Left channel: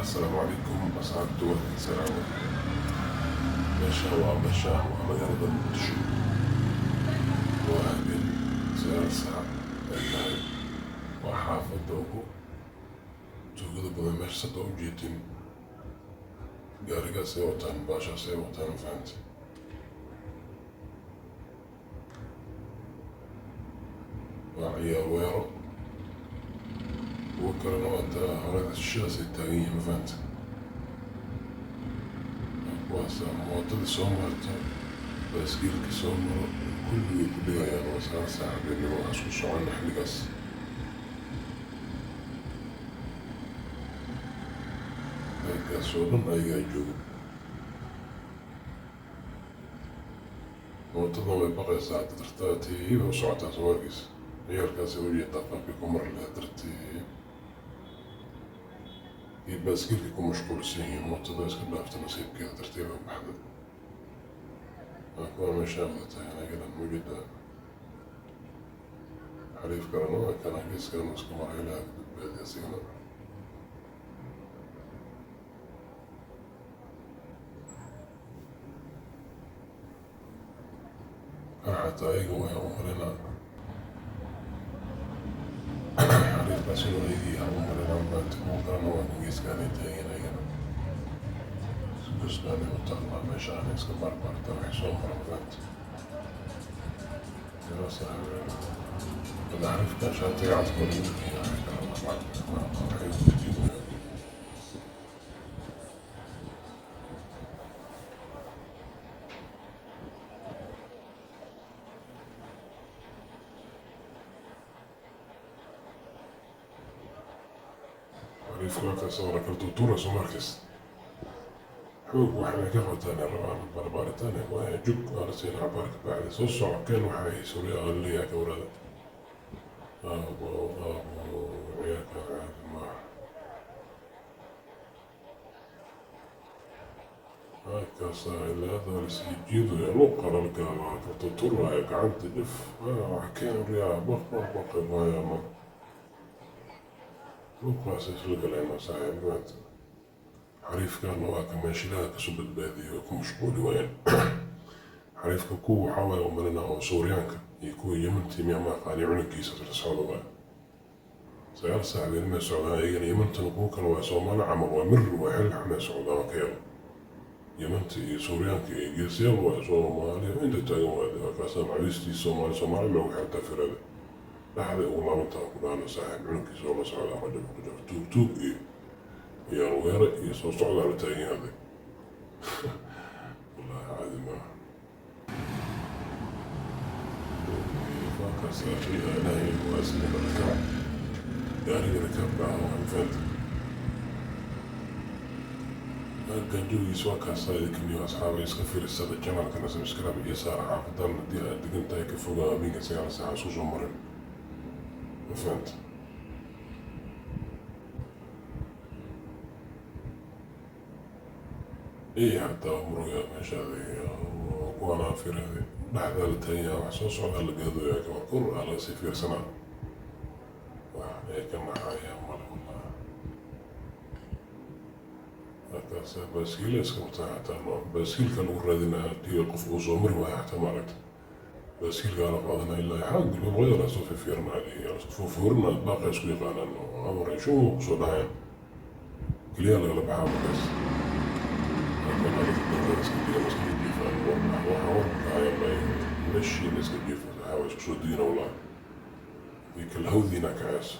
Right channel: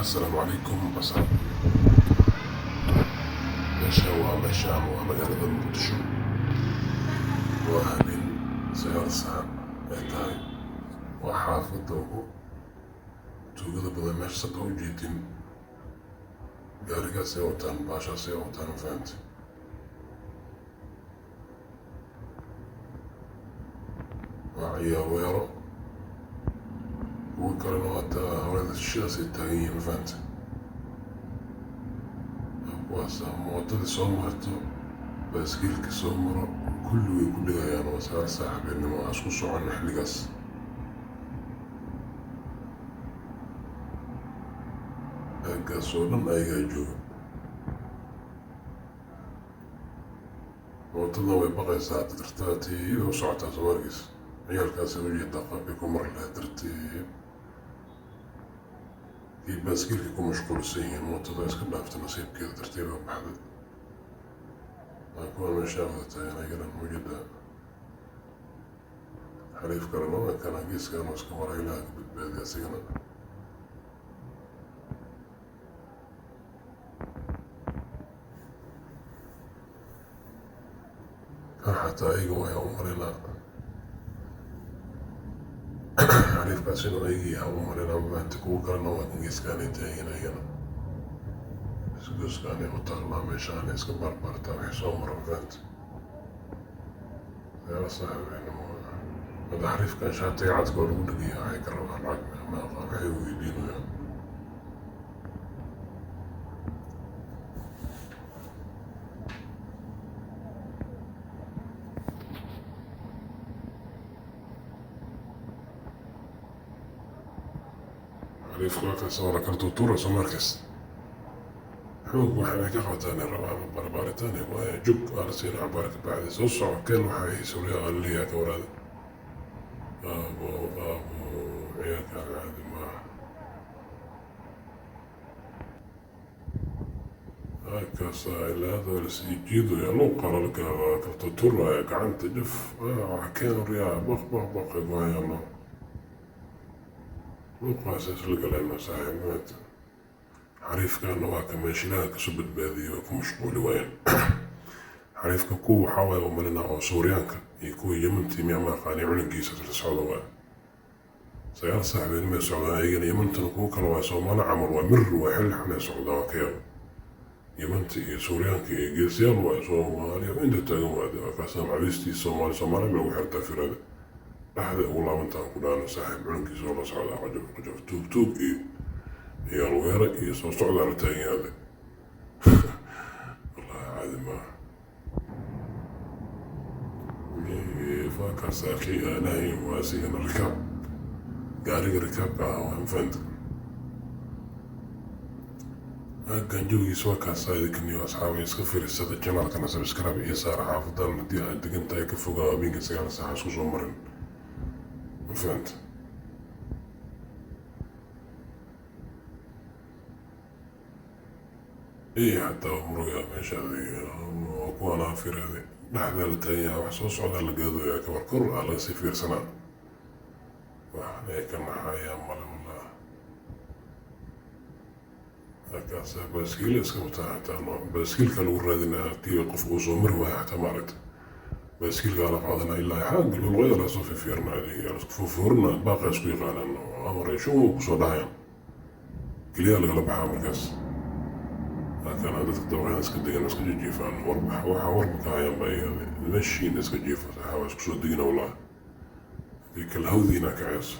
السلام عليكم ورحمة الله وبركاته. ماشي magaalada Muqdisho waa habeen sagaal saac ay tahay. waa xaafadda ugu tuugada badan meesha hadda u jeedin. gaarigaas ay wataan baashaas ay wataan fahamte. waa ciyaar weero kuwa kalena wataa horeda shishidaas ay taagan yihiin ma fahamte. kuwaasa moodada soo marto baaskiilka soo maro kulligay ku dhigayaan. waa sagaal saac habeenimo waxaas ku soconna xilligaas. halkaas oo dhan ayagaa jooga. moodada way baqaysaa tartiib u socotaa soo wargiis. ciyaalkaas u jeedaa qaabkay ku mari lahayd tartiib iyo baaskiilka ku mashquulsan yihiin. moodada iska dhaafta nasiibkeeda tartiiba baxday. kuwa meesha wadataa anagana mujada xariif kalena waa kana geeskana iska maray lahaa badbaadiga asigana. kan xataa ayaga waxaa u marinaa xariifkaas inuu ayagiiyaa u marinaa maanta. kuwa kalena waa kan geeskaanay taageen ayagana. geeskaanay mataalaa meeshaana iska baarbaartaa waxay soo mara maanta. hada xariifkan shaatiga cadkoo lagu dhagiya waxay kala waxay u weydiinaya. xariifka wala kala tuurayso markas xoog waxay ka qabataan rabaan barbaaritaan waa jug ala siin cabaarka bacdi soo socokeen waxay suuriyaa aliya ka warada ciyaarka caadi maaha. halkaas ilaada lasii jiidaya loo qaralka kala tuuraya gacanta jaf waxa keen riyaa baq waayama luuqaas isla galayna saaxiibaad. xariifkana waa ka meeshilaha kasoo badbaadiyay oo ku mashquuli waayeen. xariifka kuwa waxaa waaye u marina oo Suuriyaanka iyo kuwa Yementii miyama aqaani cunugiisa sida socda waaye. sagaal saac habeenimo socdaa ayagana Yemantana kuwa kale waa Soomaali camal waa mir waa xilli xunay socdaa waa ka yar. Yementii iyo Suuriyaanka iyo geesiyaal waa Soomaaliya inta taagan waade waa kaasoo macawiistii Soomaali ma lagu xirtaa firada. dhaxda ugu laabantaa ku dhaana saaxiib cunugiisa oo la socdaa qajaf tuug iyo الويرة هي صوت على تاني هذا. والله عادي ما فاكر ساكي أنا واسين الركاب قاري ركاب فهمت. كان جوي سواكا سايد كمية أصحابي يسكفر السادة الجماعة كان سبسكرايب يسار حافظ دار مديها دقنتا يكفوقا مين كسيارة ساعة سوسو مرن فهمت. إيه حتى عمري ماشي هذه وأنا في هذه لحظة لتانية وحصوص على الجذو يا كمان كل على سفير سنة. وإحنا كنا حياة ولا هكذا بسكيل اسكت حتى بسكيل كانوا ردنا تيقف وصمر واحتمالت بسكيل قال بعضنا إلا حاج بالغير صوفي فيرنا هذه فورنا باقي سكوي قال إنه أمر شو صدايم كليا الغلب حامل بس. كان على الدولة اسكندرية مسكين جيفة وربح وحوربك عيام نمشي مسكين جيفة حواس كسودينا والله ذيك الهوذي هناك عياس.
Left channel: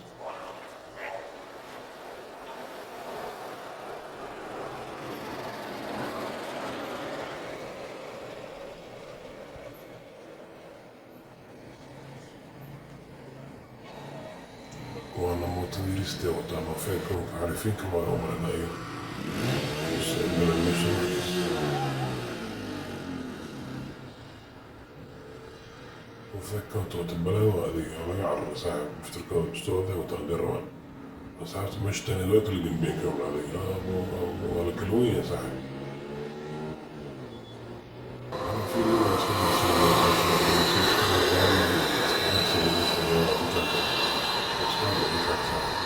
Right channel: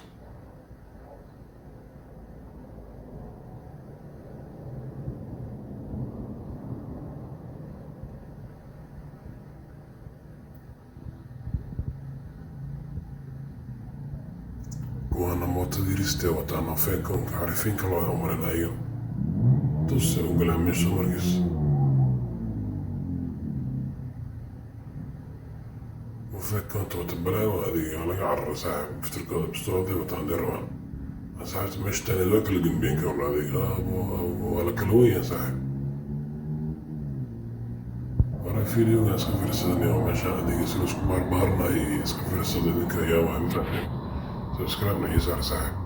وانا موت ديريستي وطعنا فيكم عارفين كل عمر الأيام بلا مش مركز. وفكرت وتبلا وهذه على عرّ ساعة بفترة بستوعب وتندروان. ساعات مش تاني ذاك اللي جنبين قبل هذه ولا كلوية ساعة. عارفين الناس اللي يسوون عشان يسوون كذا بس كان بيجي ساعة.